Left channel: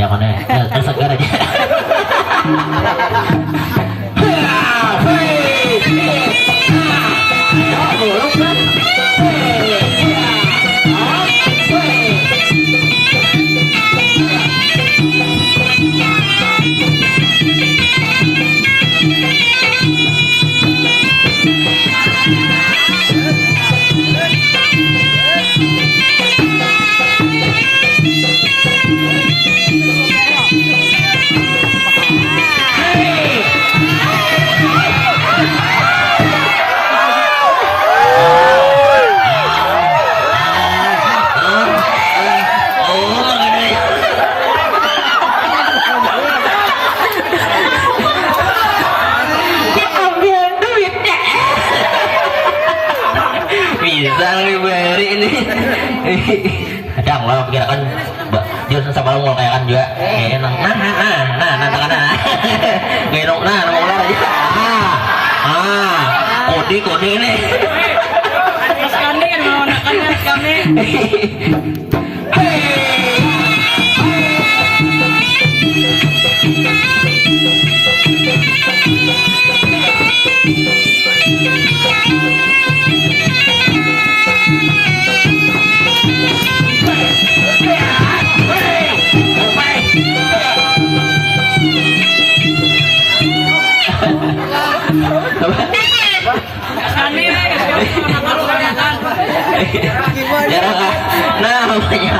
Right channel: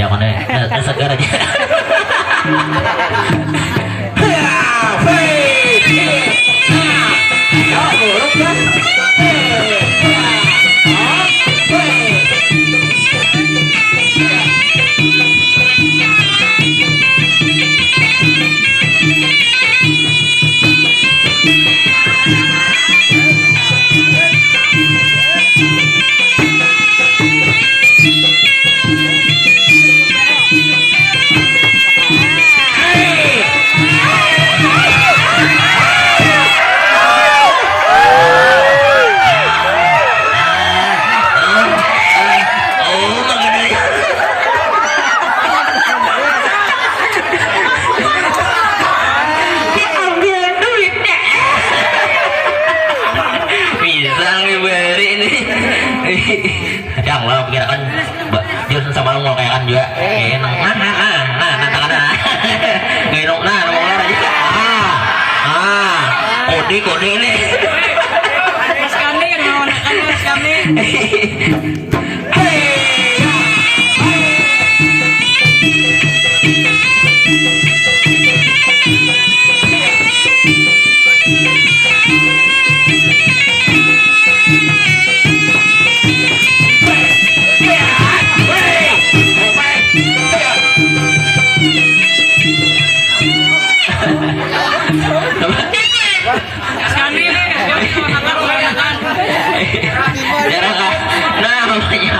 zaman deh segar aja Kadang lah kira kan dia sama lo kayak kan juga enak kayak ngomong lah aja kode ini Mas kami kan mau nakan mas kami nah makanya